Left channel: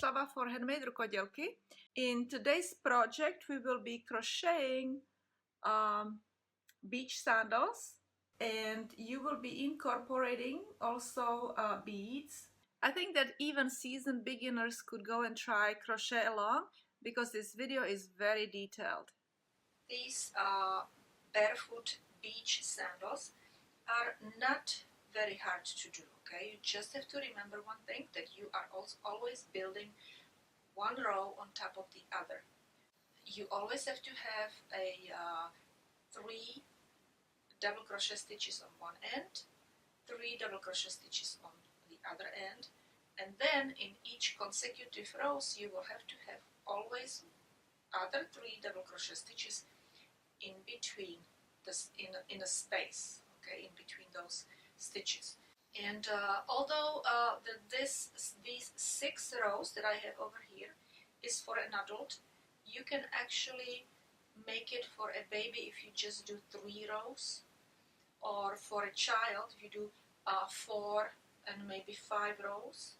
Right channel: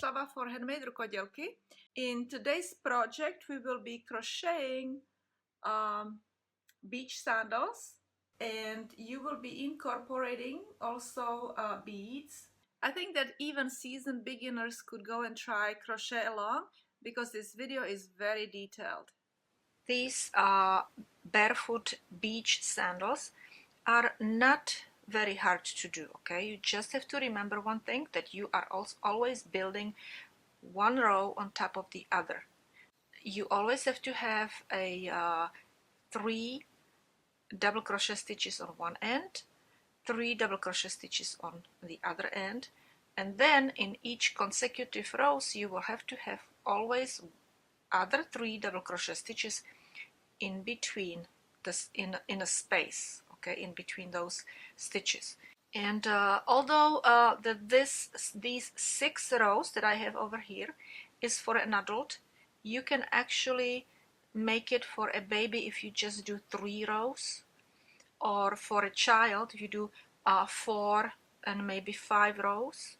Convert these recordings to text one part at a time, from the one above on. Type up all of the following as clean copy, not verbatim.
Bronislava for HandMadeRukodelky. In today's project we will be crocheting beach sandals, and you will be incorporating also beads. I think that even seasoned beginners could go and try crochet along because this video is very detailed. These barefoot beach sandals are not very hard to do, okay? You just have to remember one thing, that you are always building one row on top of the other. You always have to have a 3 double crochet stitches on one end, 3 double crochet stitches on the other end, and then in each consecutive rows you will have to have always other 3 double crochet stitches in between this, in a space, okay, in between those stitches. And although these 6 rows that I have over here is for an adult, you can actually make it for a baby if you just do 3 rows, or for a child if you do 4 and maybe 5 rows.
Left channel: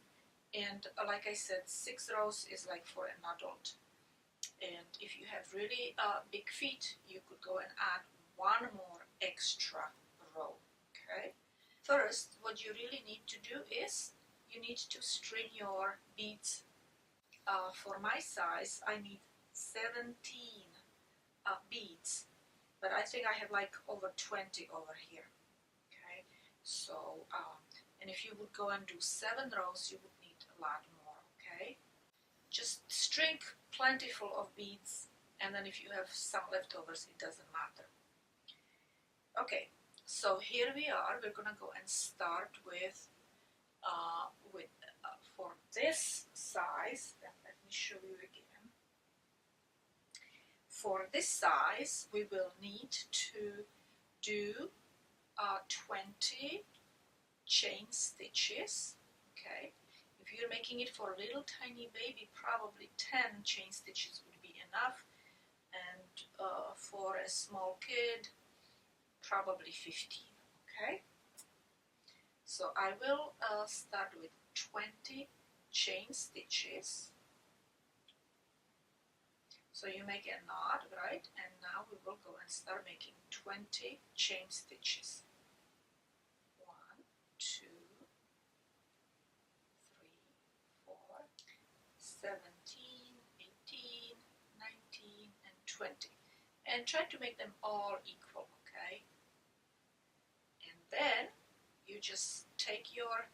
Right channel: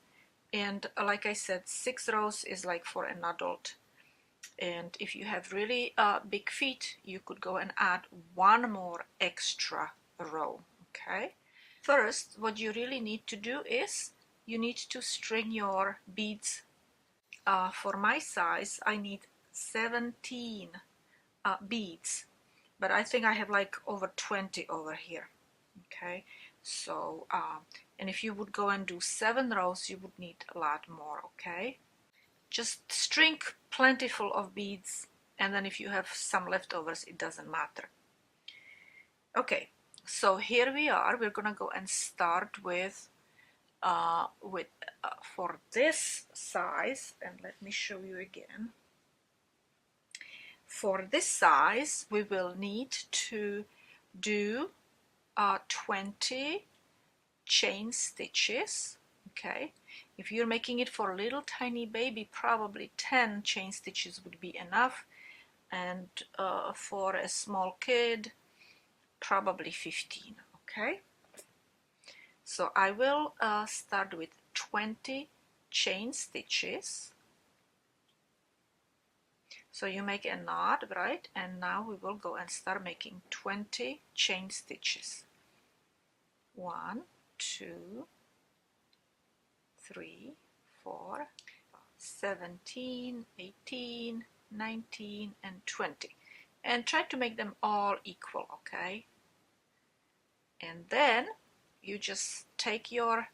And like I said, 6 rows is like for an adult. And if you have really big feet, you could go and add 1 more extra row, okay? First, what you really need to do is you need to string your beads. For my size, I need 17 beads, but I think I have like over 20 over here, okay? So, and if you would go and do 7 rows, you would need a lot more, okay? Just string plentiful of beads, and then if you have some leftovers, it doesn't matter. Okay, so here we are. We're gonna go and start with for this size, and let me show you again. For this size, we will need to do 20 chain stitches, okay? If you're making it for a little tiny baby, probably 10 chain stitches would be enough, and for a small kid, probably 15, okay? So I will start with 20 chain stitches. So you make a knot, right? And now we will go and start making 20 chain stitches. 1, 2, 3, 4, 17, 18, 19, and 20. And try to make them all equal, okay? And then you just take your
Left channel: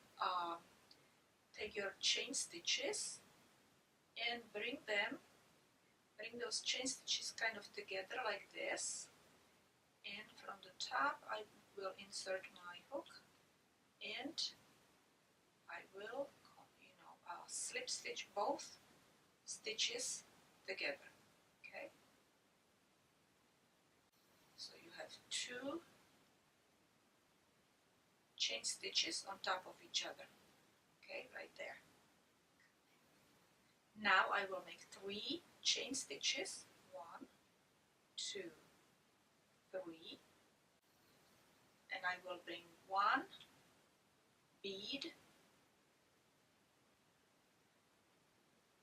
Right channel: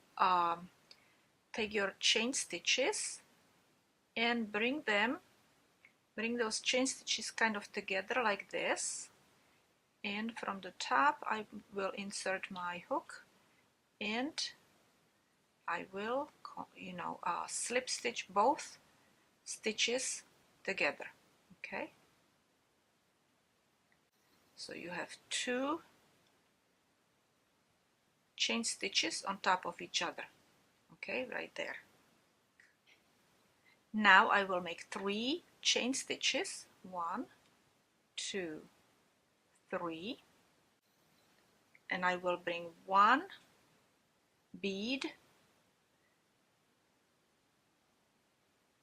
chain stitches and bring those chain stitches kind of together like this. And from the top I will insert my hook, and I will, slip stitch both stitches together, okay? So you have 2 chain stitches on top of each other, okay, right there. Now I will make 3 chain stitches, 1, 2, 3, and I will bring 1 bead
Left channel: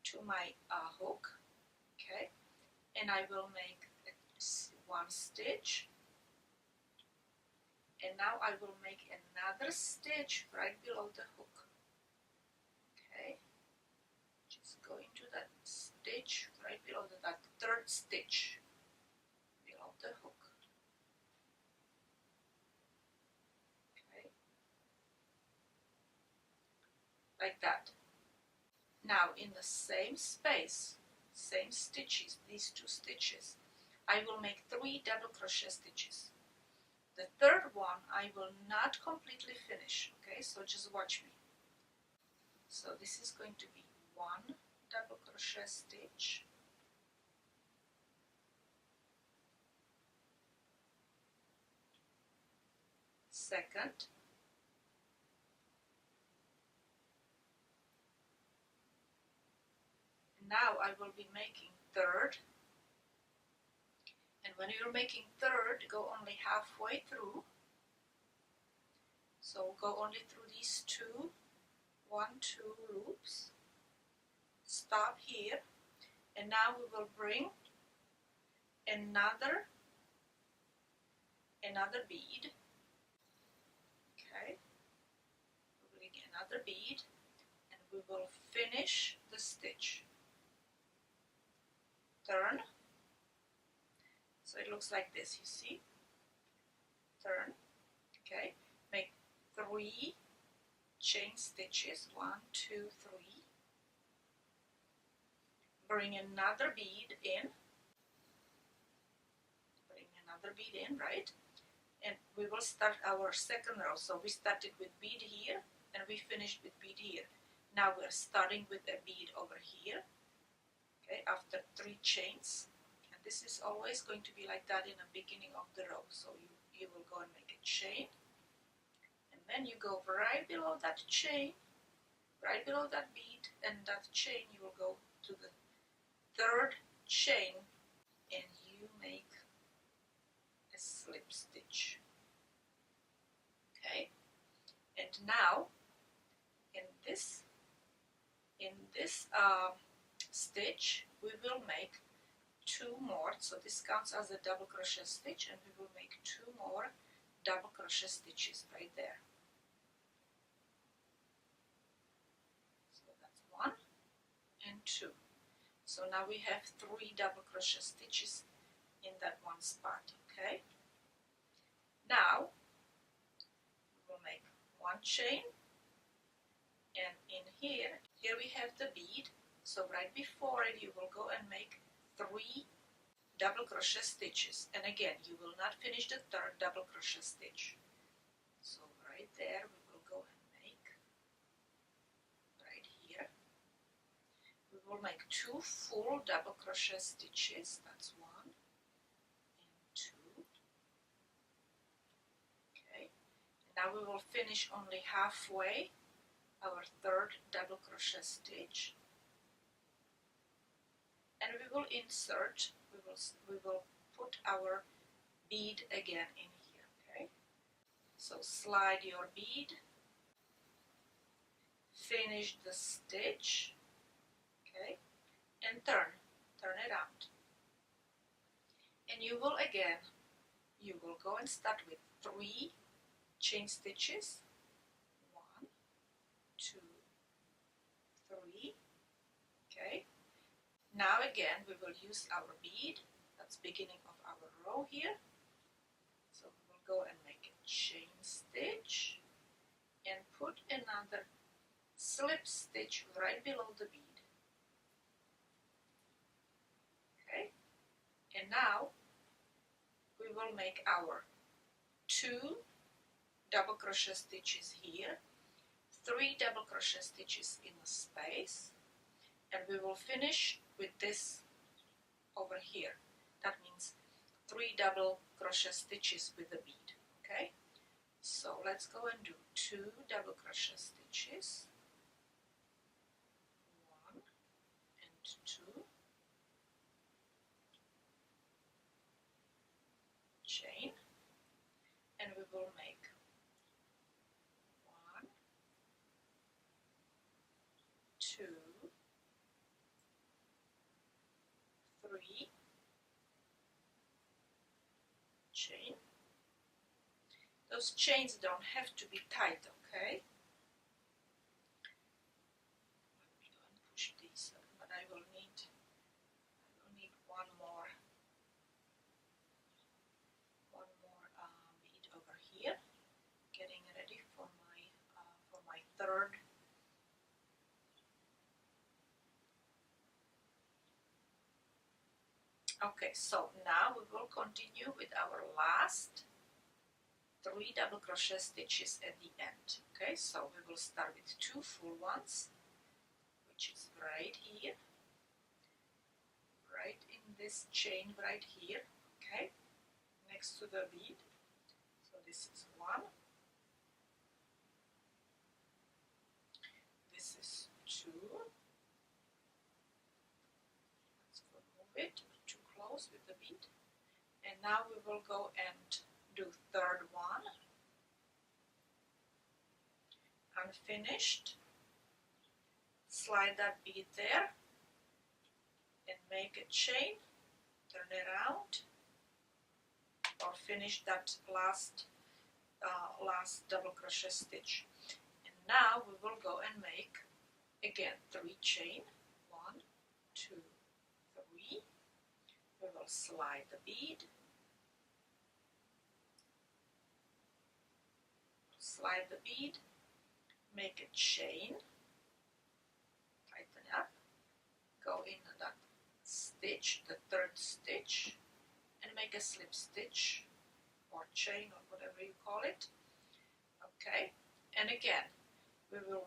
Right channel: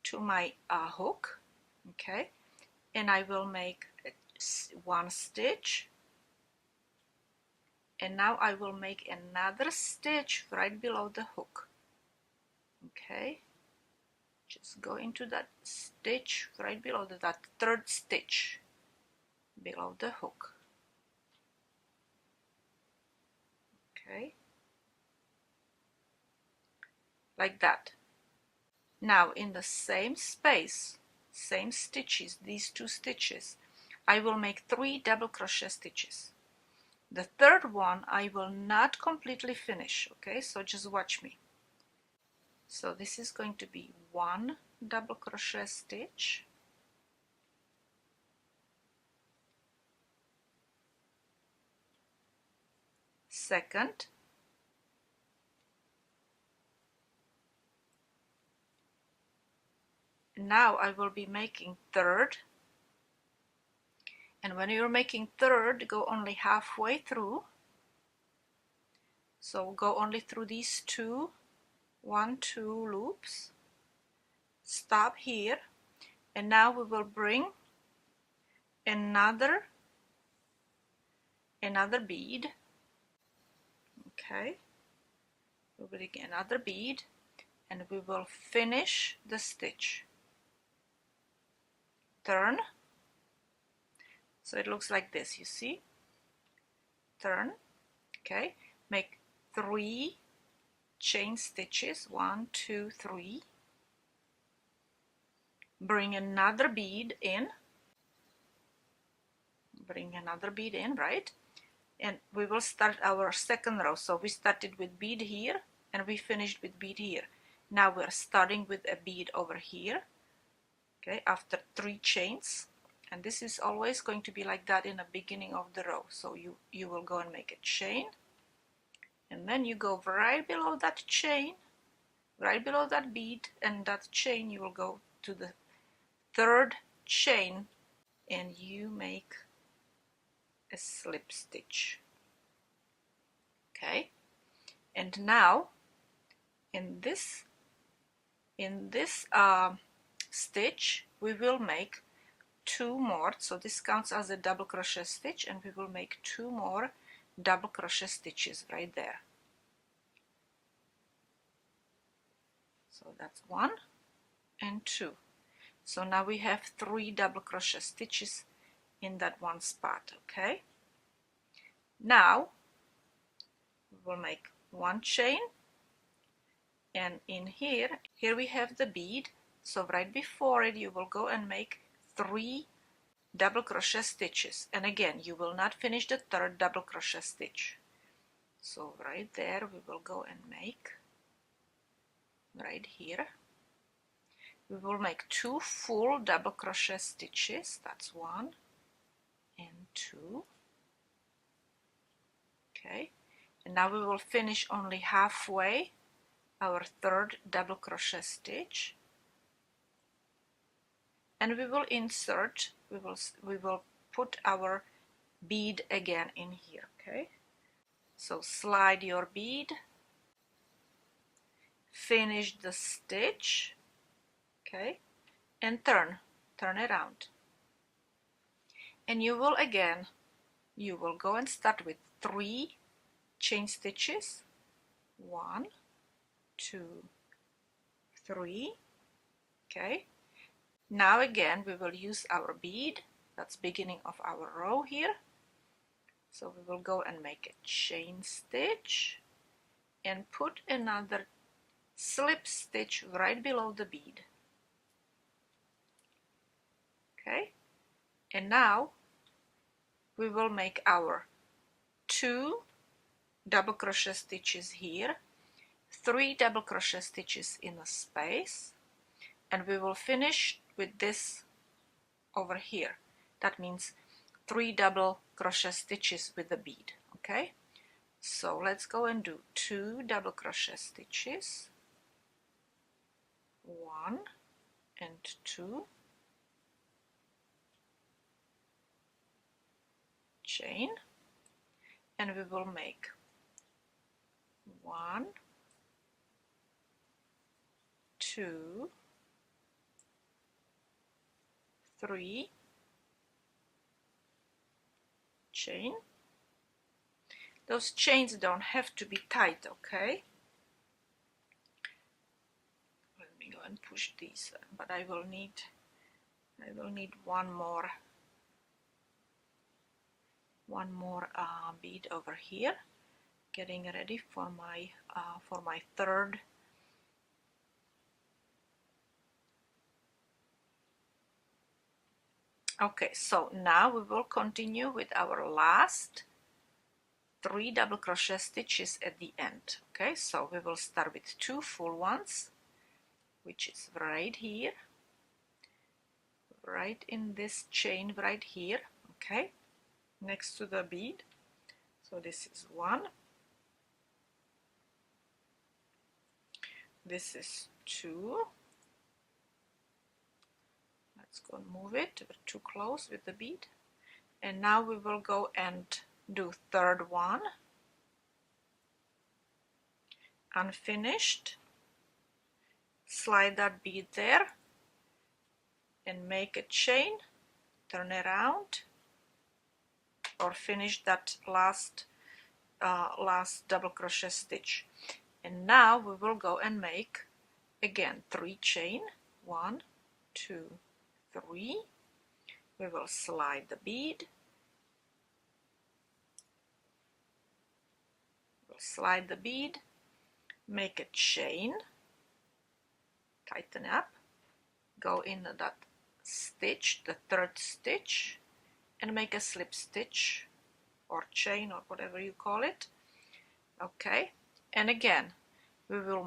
to my hook, okay, and I will make 1 stitch, and now I will make another stitch right below the hook, okay? Just go into that stitch right below that 3rd stitch below the hook, okay, like that. Now in the same space, same stitches, these 2 stitches, I will make 3 double crochet stitches. The 3rd one I will not completely finish, okay, so just watch me. So this is going to be 1 double crochet stitch, second, now I will be making 3rd, and when you're making 3rd, go only halfway through. So go only through these 2, 1, 2 loops, stop here, and now we will bring another bead. Okay, we'll bring another bead and we will finish the stitch. Turn, so it looks like this, you see. Turn, okay, make 3 chain stitches, 1, 2, 3. Bring another bead in, right? And we will start our second row. So we started with bead here and we finished with bead here. Now we're starting with a bead over here, okay, after 3 chains. And this is always going to be like that in the beginning of the row. So you will go and make a chain, and then you go right below that chain, right below that bead and that chain, you will go to the 3rd chain and you make a slip stitch. Okay, and now in this stitch we will make 2 more, so this counts as a double crochet stitch, and we will make 2 more double crochet stitches right there. So that's 1 and 2. So now we have 3 double crochet stitches in that one spot. Okay, now we will make 1 chain, and in here we have the bead, so right before it you will go and make 3 double crochet stitches, and again you will not finish the 3rd double crochet stitch. So right there we will go and make, right here we will make 2 full double crochet stitches. That's 1 and 2. Okay, and now we will finish only halfway our 3rd double crochet stitch, and we will insert, we will put our bead again in here. Okay, so slide your bead, finish the stitch, okay, and turn around, and you will go and start with 3 chain stitches, 1, 2, 3. Okay, now again we will use our bead, that's beginning of our row here, so we will go and make a chain stitch and put another slip stitch right below the bead. Okay, and now we will make our 2 double crochet stitches here, 3 double crochet stitches in a space, and we will finish with this over here. That means 3 double crochet stitches with the bead. Okay, so let's go and do 2 double crochet stitches, 1 and 2, chain, and we will make 1, 2, 3, chain. Those chains don't have to be tight, okay? Let me go and push these, but I will need one more bead over here, getting ready for my 3rd. Okay, so now we will continue with our last 3 double crochet stitches at the end. Okay, so we will start with 2 full ones, which is right here, right in this chain right here, okay, next to the bead. So this is 1, this is 2. Let's go and move it, we're too close with the bead. And now we will go and do 3rd one, unfinished, slide that bead there and make a chain, turn around, or finish that last double crochet stitch. And now we will go and make again 3 chain, 1, 2, 3. We will slide the bead, make a chain, tighten up, go in that stitch, the 3rd stitch, and make a slip stitch or chain or whatever you call it. Okay, and again we will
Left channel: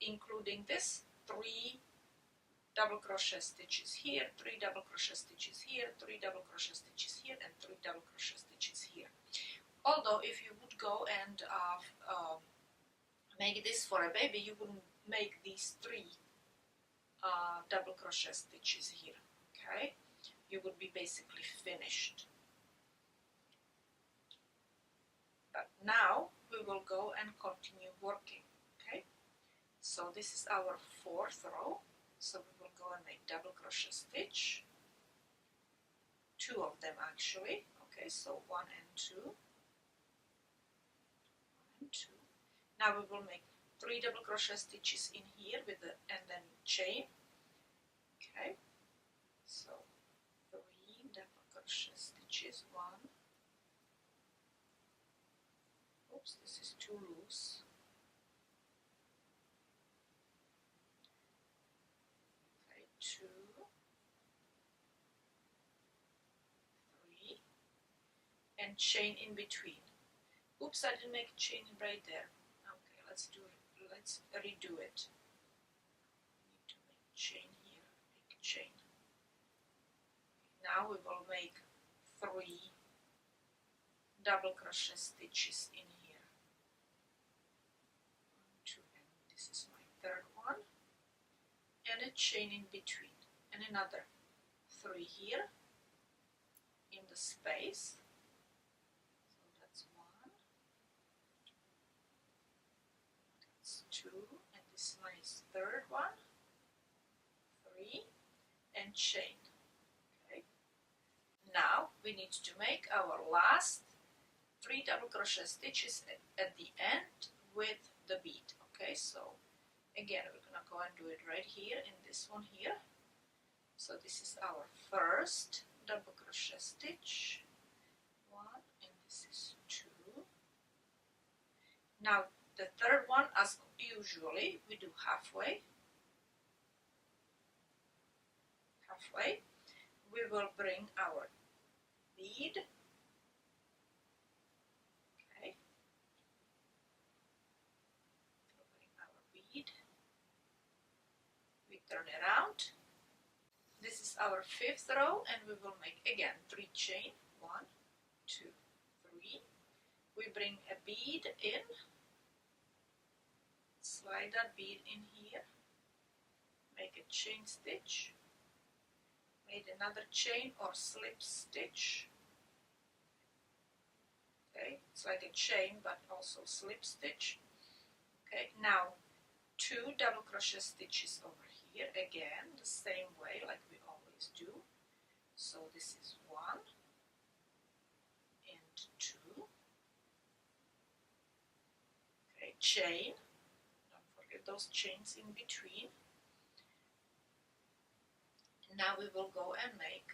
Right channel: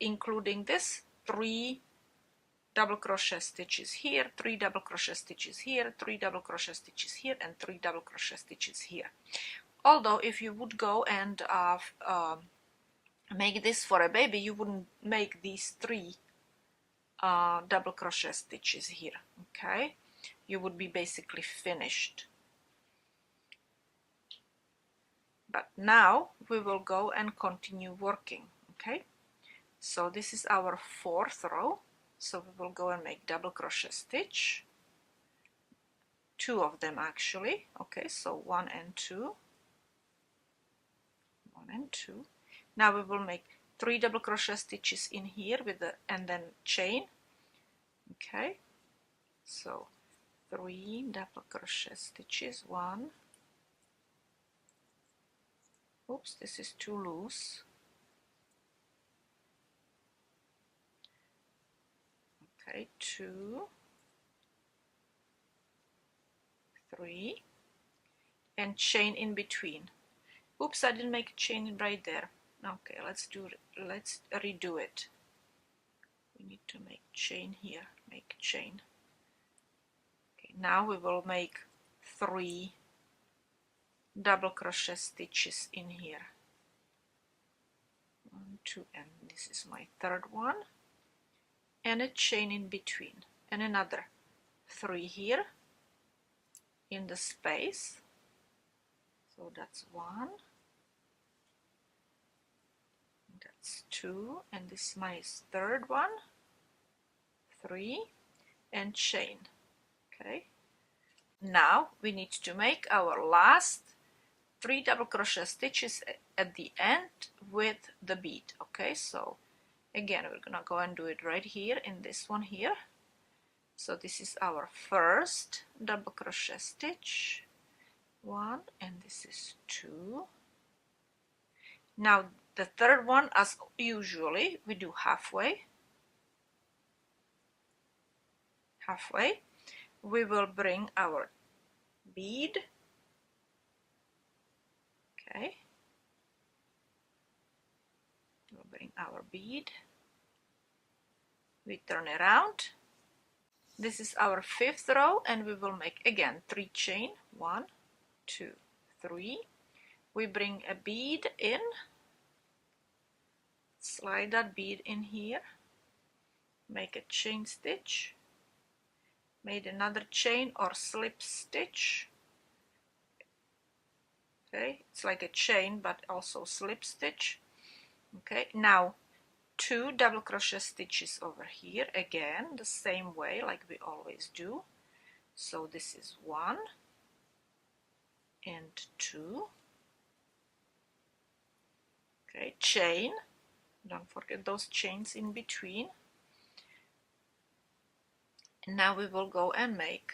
including this 3 double crochet stitches here, 3 double crochet stitches here, 3 double crochet stitches here, and 3 double crochet stitches here. Although if you would go and make this for a baby, you wouldn't make these 3 double crochet stitches here. Okay, you would be basically finished. But now we will go and continue working. Okay, so this is our 4th row. So we will go and make double crochet stitch, 2 of them actually. Okay, so 1 and 2, 1 and 2. Now we will make 3 double crochet stitches in here with the and then chain. Okay, so 3 double crochet stitches, 1. Oops, this is too loose. Okay, 2, 3, and chain in between. Oops, I didn't make a chain right there. Okay, let's redo it. We need to make chain here, make chain. Okay, now we will make 3 double crochet stitches in here. 1, 2, and this is my 3rd one. And a chain in between, and another 3 here in the space. So that's 1, that's 2, and this is my 3rd one, 3, and chain. Okay, now we need to make our last 3 double crochet stitches at the end with the bead. Okay, so again we're gonna go and do it right here in this one here. So this is our 1st double crochet stitch, 1, and this is 2. Now the 3rd one, as usually, we do halfway. We will bring our bead. Okay, we'll bring our bead. We turn around. This is our 5th row, and we will make again 3 chain, 1, 2, 3. We bring a bead in, slide that bead in here, make a chain stitch, made another chain or slip stitch. Okay, it's like a chain but also slip stitch. Okay, now 2 double crochet stitches over here, again the same way like we always do. So this is 1 and 2. Okay, chain, don't forget those chains in between. And now we will go and make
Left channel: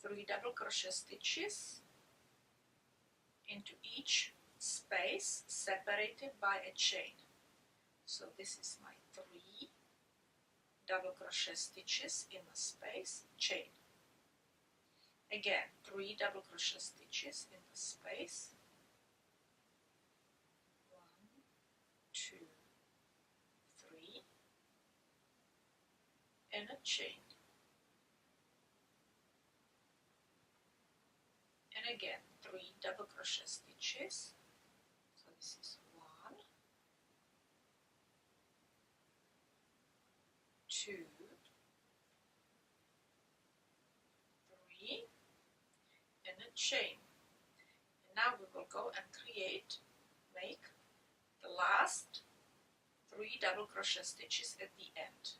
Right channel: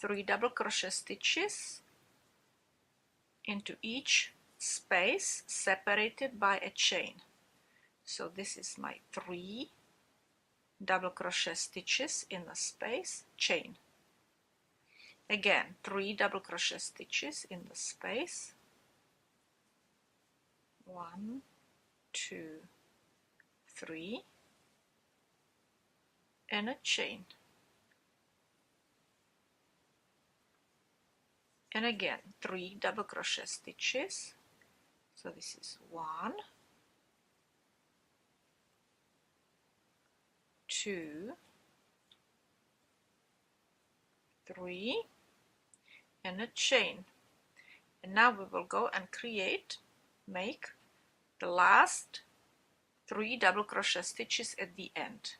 3 double crochet stitches into each space separated by a chain. So this is my 3 double crochet stitches in the space, chain. Again 3 double crochet stitches in the space, 1, 2, 3, and a chain. And again 3 double crochet stitches. So this is 1, 2, 3, and a chain. And now we will go and make the last 3 double crochet stitches at the end.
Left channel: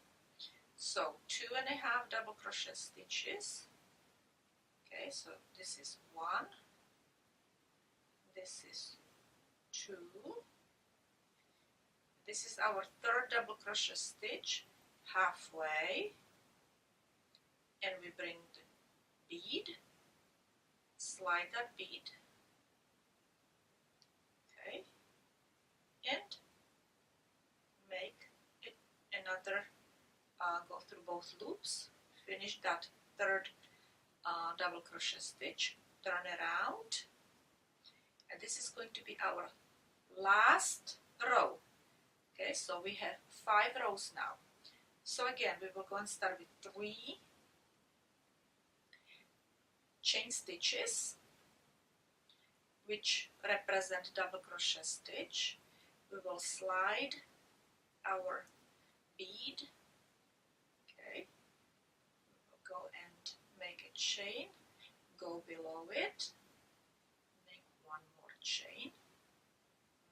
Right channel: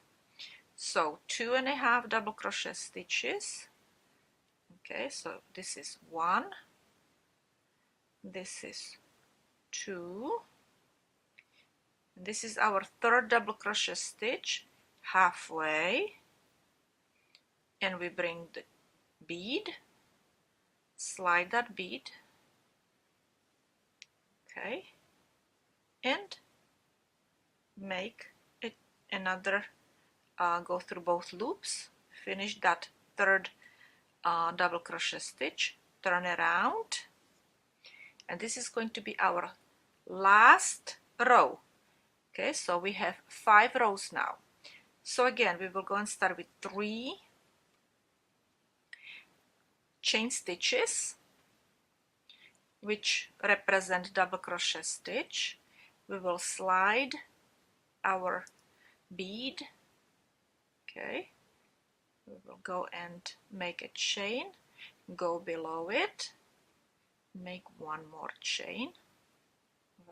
So 2.5 double crochet stitches. Okay, so this is 1, this is 2, this is our third double crochet stitch halfway, and we bring the bead, slide that bead, okay, and make it another, go through both loops, finish that third double crochet stitch, turn around, and this is going to be our last row. Okay, so we have 5 rows now. So again, we will go and start with 3 chain stitches, which represent double crochet stitch. We will slide our bead, okay, we will go and make a chain, go below it, make one more chain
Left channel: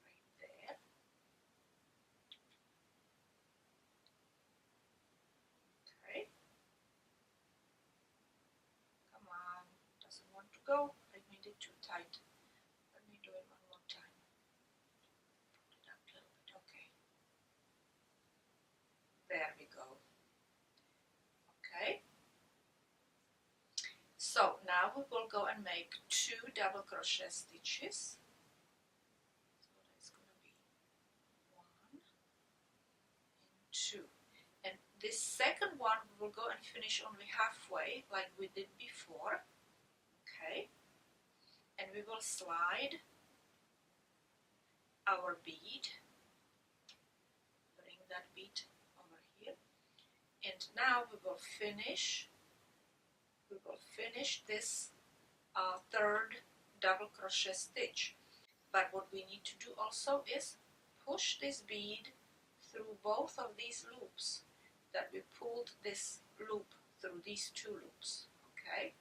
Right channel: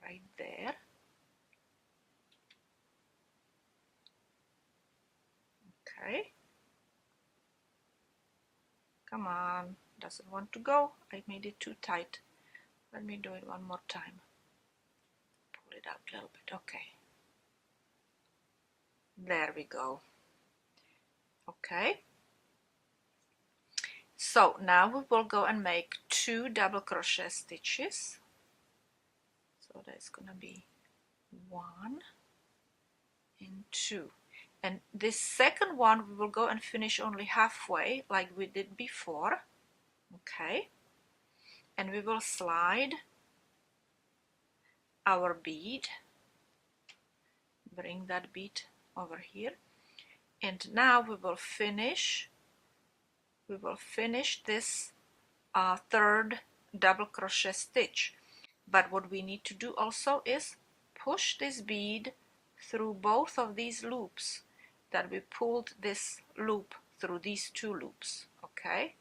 right there, okay, come on, doesn't want to go, I made it too tight, let me do it one more time, pull it out a little bit, okay, there we go. Okay, so now we will go and make 2 double crochet stitches, so that's gonna be 1 and 2, and this second one we will go and finish only halfway like we did before, okay, and we will slide our bead, bring that bead over here, and now we will finish this third double crochet stitch. But what we need to do also is push this bead through both of these loops that we pulled this loop through these 2 loops. Okay,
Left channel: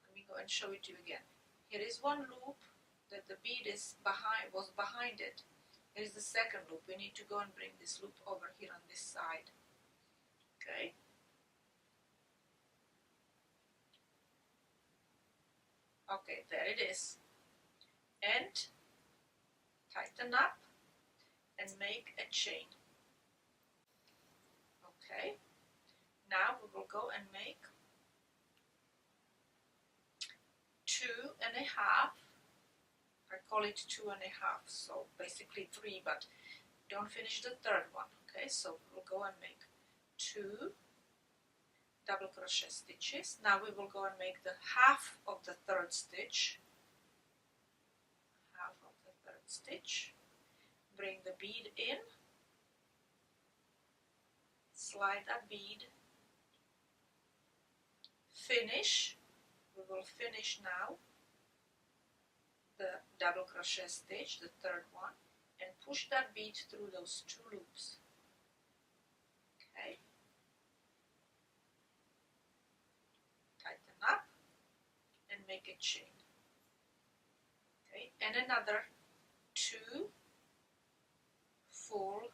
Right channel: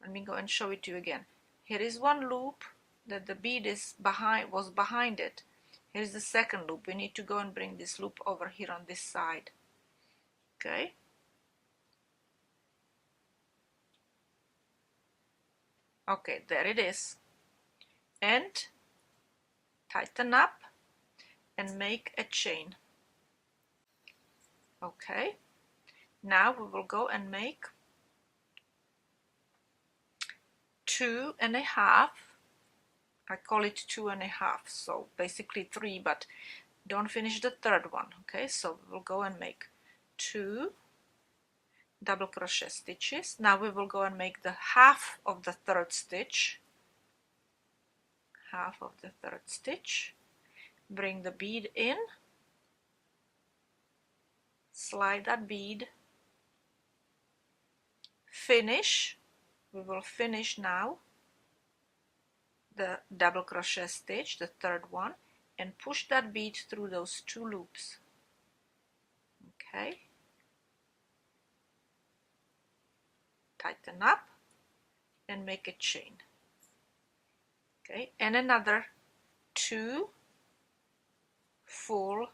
let me go and show it to you again. Here is one loop that the bead was behind it. Here's the second loop. We need to go and bring this loop over here on this side. Okay, okay, there it is, and tighten up and make a chain. Okay, now we will go and make 2.5, I call it 2.5, so basically 3, but don't finish the third one. Okay, so we'll go and make 2 double crochet stitches. Now we will go and make the half of the third stitch, bring the bead in, slide that bead, finish, we will finish now the double crochet stitch, the third one, and push that bead through those 2 loops. Okay, tighten up and make a chain. Okay, and another 2 full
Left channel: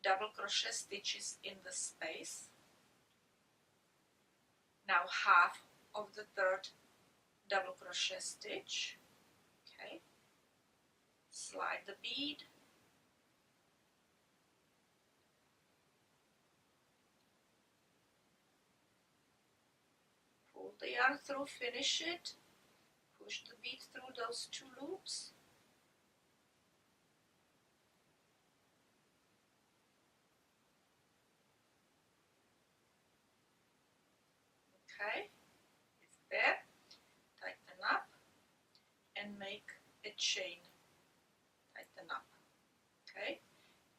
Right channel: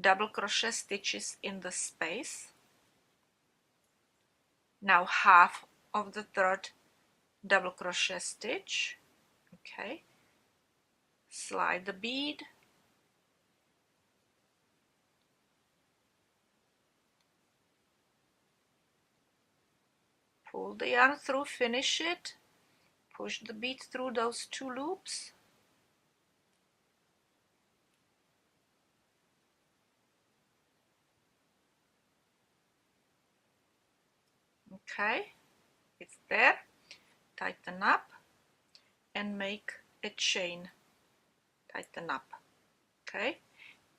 double crochet stitches in the space. Now half of the third double crochet stitch. Okay, slide the bead, pull the yarn through, finish it, push the bead through those 2 loops, okay, it's there, tighten up and make a chain, tighten up, okay,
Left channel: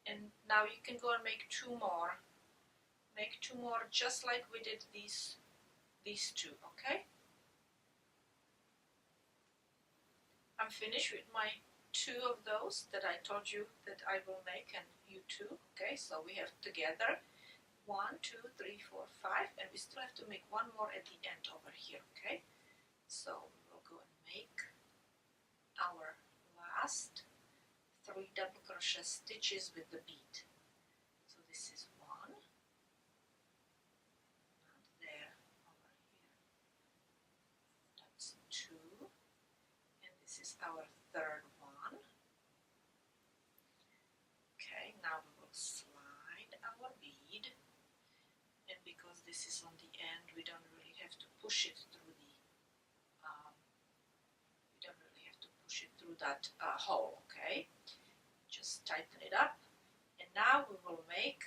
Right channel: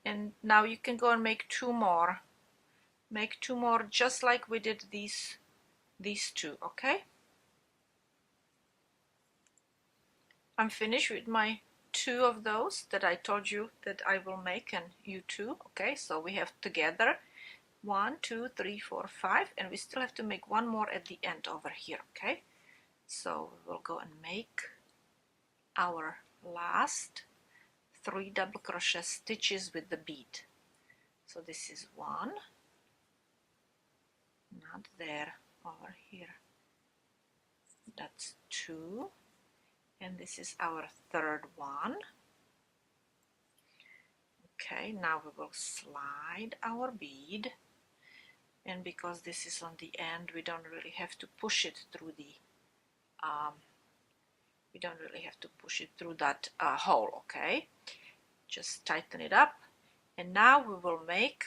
and now you can go and make 2 more, just like we did these 2, okay. I'm finished with my 2 of those that I told you that I will make, and you too. Okay, so we have together 1, 2, 3, 4, 5, and we still have to make 1 more at the end over here. Okay, so we'll go and make our last 3 double crochet stitches with the bead. So this is 1, not there, over here, that's 2, and this is our third one. Okay, now we will slide our bead, and because this is on the end, we don't really have to push it through the that hole. Okay, just tighten it up, and now we will make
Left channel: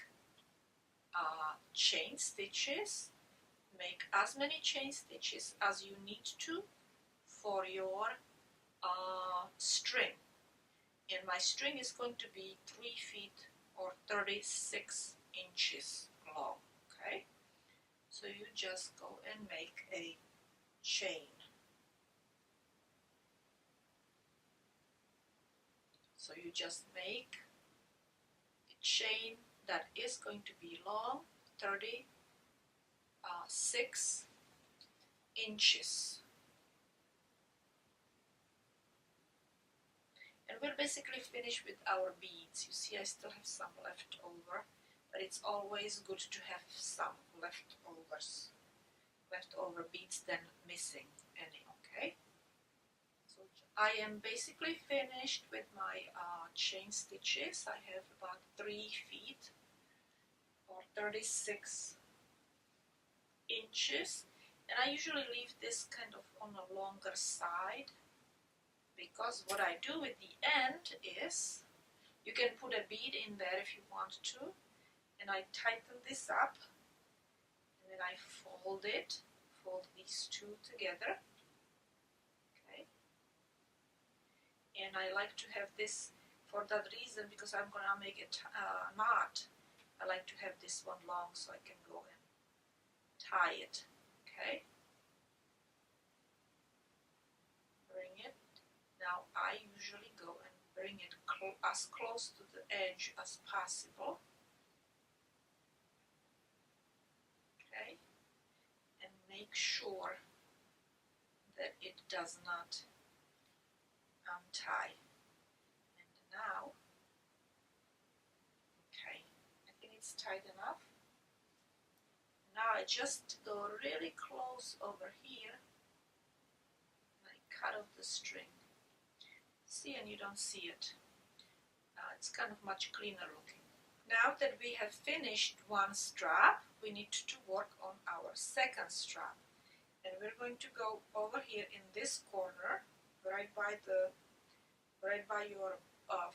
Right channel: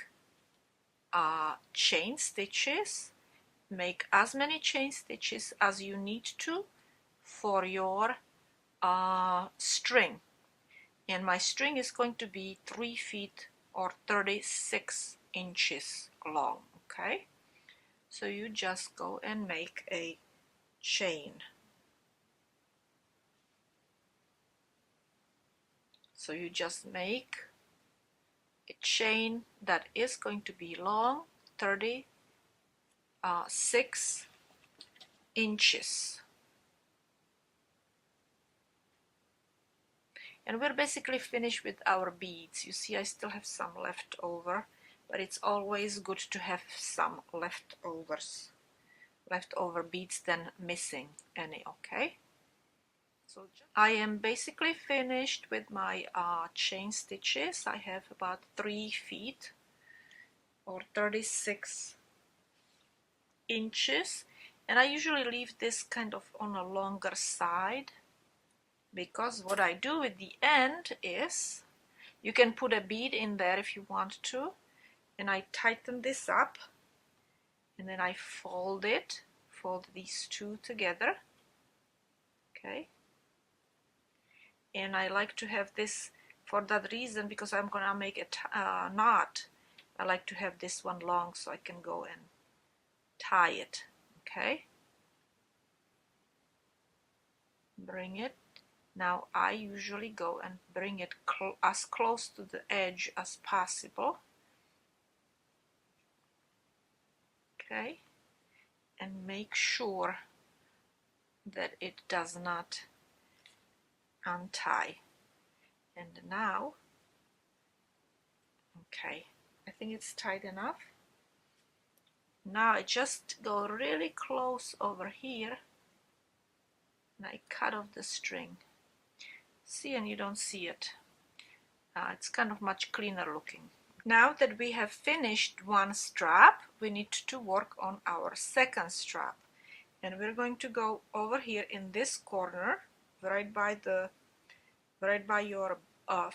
chain stitches. Make as many chain stitches as you need to for your string, and my string is going to be 3 feet or 36 inches long. Okay, so you just go and make a chain. So you just make a chain that is going to be long 36 inches. And we're basically finished with our beads. You see, I still have some left over, but it's always good to have some leftover beads than missing any. Okay, so I am basically finished with my chain stitches. I have about 3 feet or 36 inches, and I usually leave this kind of on a longer side, because what I do at the end is, you can put a bead in there if you want to, and I tighten this up, and then I fold these two together. Okay, and I like to have this for that reason, because I'm gonna make a knot. I like to have this one long so I can go and tie it. Okay, bring it. Now I usually go and bring it as close to the edge as possible. Okay, and make sure that it does not untie. And now, okay, I think it's tight enough. Now I just go really close over here, and I cut off the string. See, and you don't see it. It's kind of much cleaner looking. Now that we have finished one strap, we need to work on our second strap, and we're going to go over here in this corner, right by your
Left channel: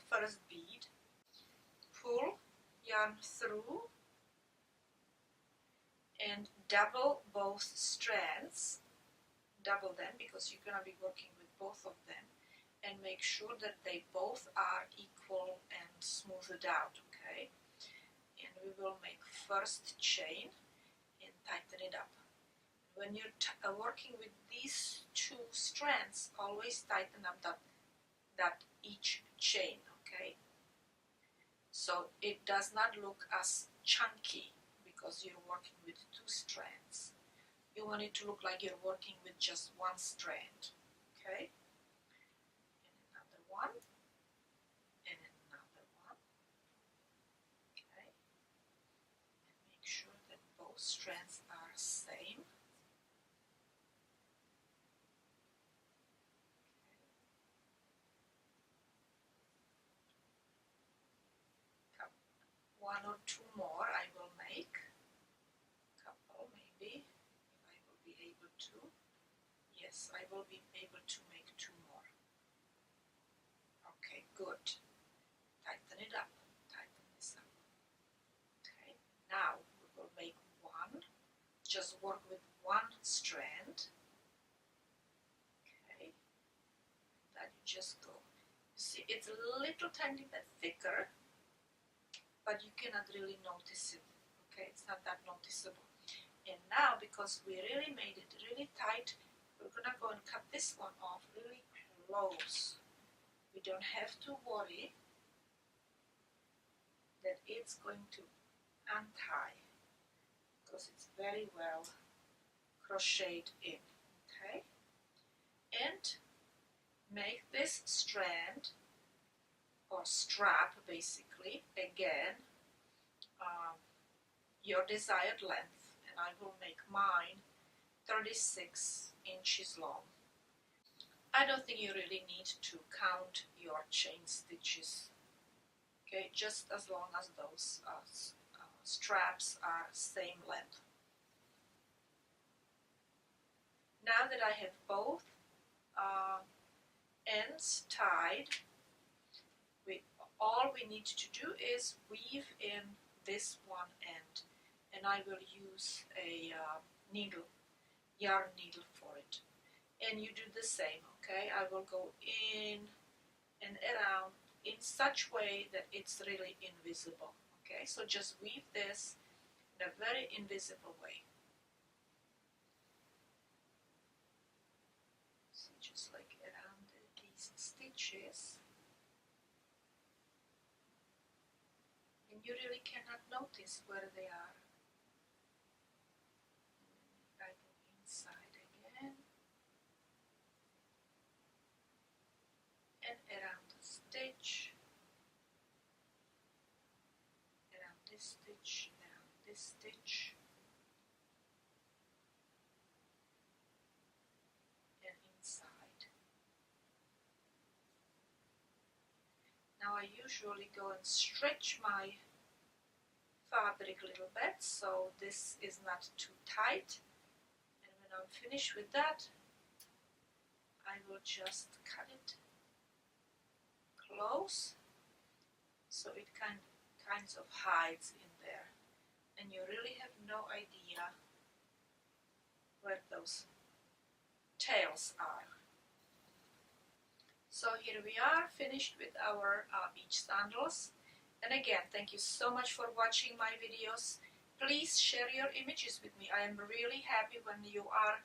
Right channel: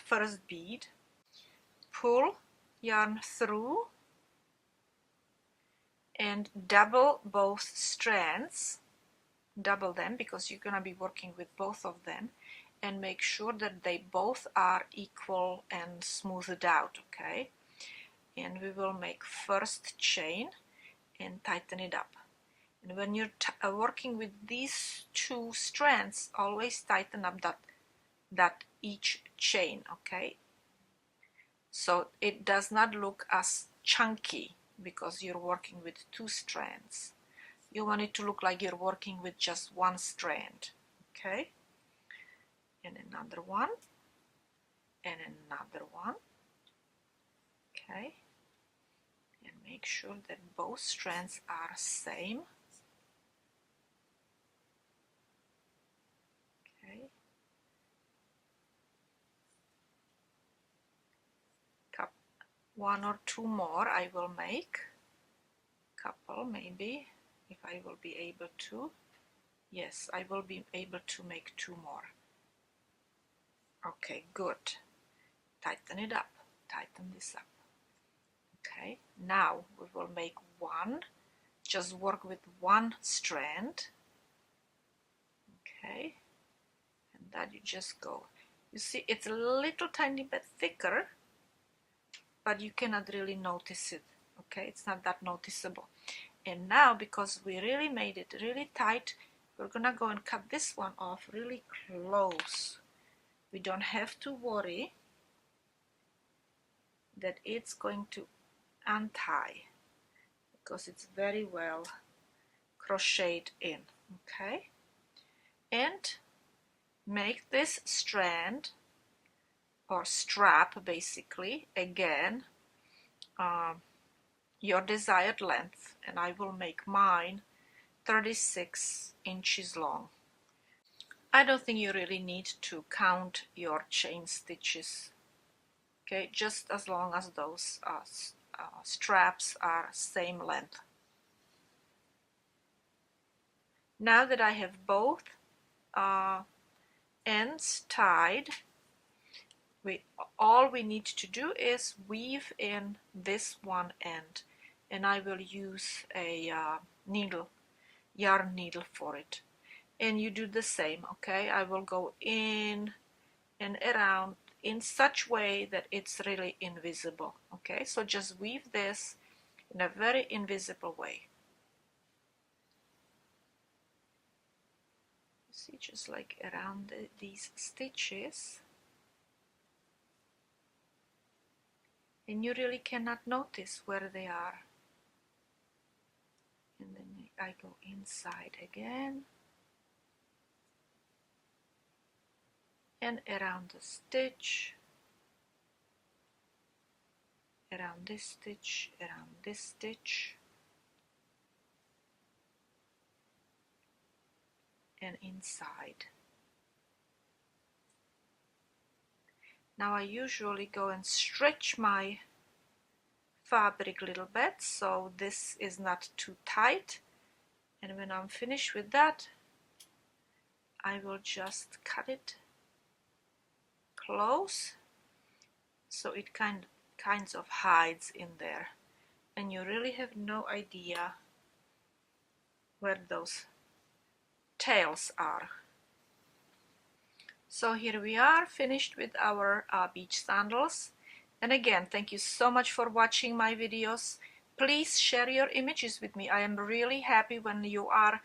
first bead. Pull yarn through and double both strands. Double them because you're gonna be working with both of them, and make sure that they both are equal and smoothed out. Okay, and we will make first chain and tighten it up. And when you're working with these two strands, always tighten up that each chain. Okay, so it does not look as chunky because you're working with two strands. You want it to look like you're working with just one strand. Okay, and another one, and another one. Okay, and make sure that both strands are same. Okay, one or two more I will make, couple maybe, if I will be able to. Yes, I will be able to make 2 more. Okay, good. Tighten it up, tighten this up. Okay, now we will make one, just work with one strand. Okay, and that you just go. You see, it's a little tiny bit thicker, but you cannot really notice it. Okay, it's not that noticeable. And now, because we really made it really tight, we're gonna go and cut this one off really close. We don't have to worry that it's going to untie, because it's very well crocheted in. Okay, and make this strand or strap, basically, again, your desired length, and I will make mine 36 inches long. I don't think you really need to count your chain stitches, okay, just as long as those straps are same length. Now that I have both ends tied, all we need to do is weave in this one end, and I will use a yarn needle for it. And you do the same, okay? I will go in and around in such way that it's really invisible, okay? So just weave this in a very invisible way. See, just like around these stitches. And you really cannot notice where they are. And then I go inside again. And around the stitch, around this stitch, around this stitch, and inside. Now I usually go and stretch my fabric a little bit so this is not too tight, and when I'm finished with that, I will just cut it close so it kinds of hides in there, and you really have no idea where those tails are. So here we are, finished with our beach sandals. And again, thank you so much for watching my videos. Please share your images with me. I am really happy when you are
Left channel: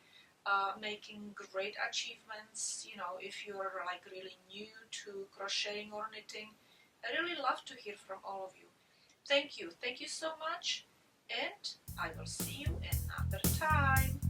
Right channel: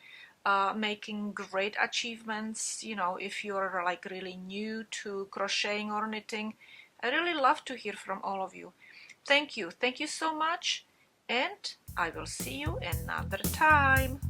making great achievements. You know, if you're like really new to crocheting or knitting, I really love to hear from all of you. Thank you so much, and I will see you another time.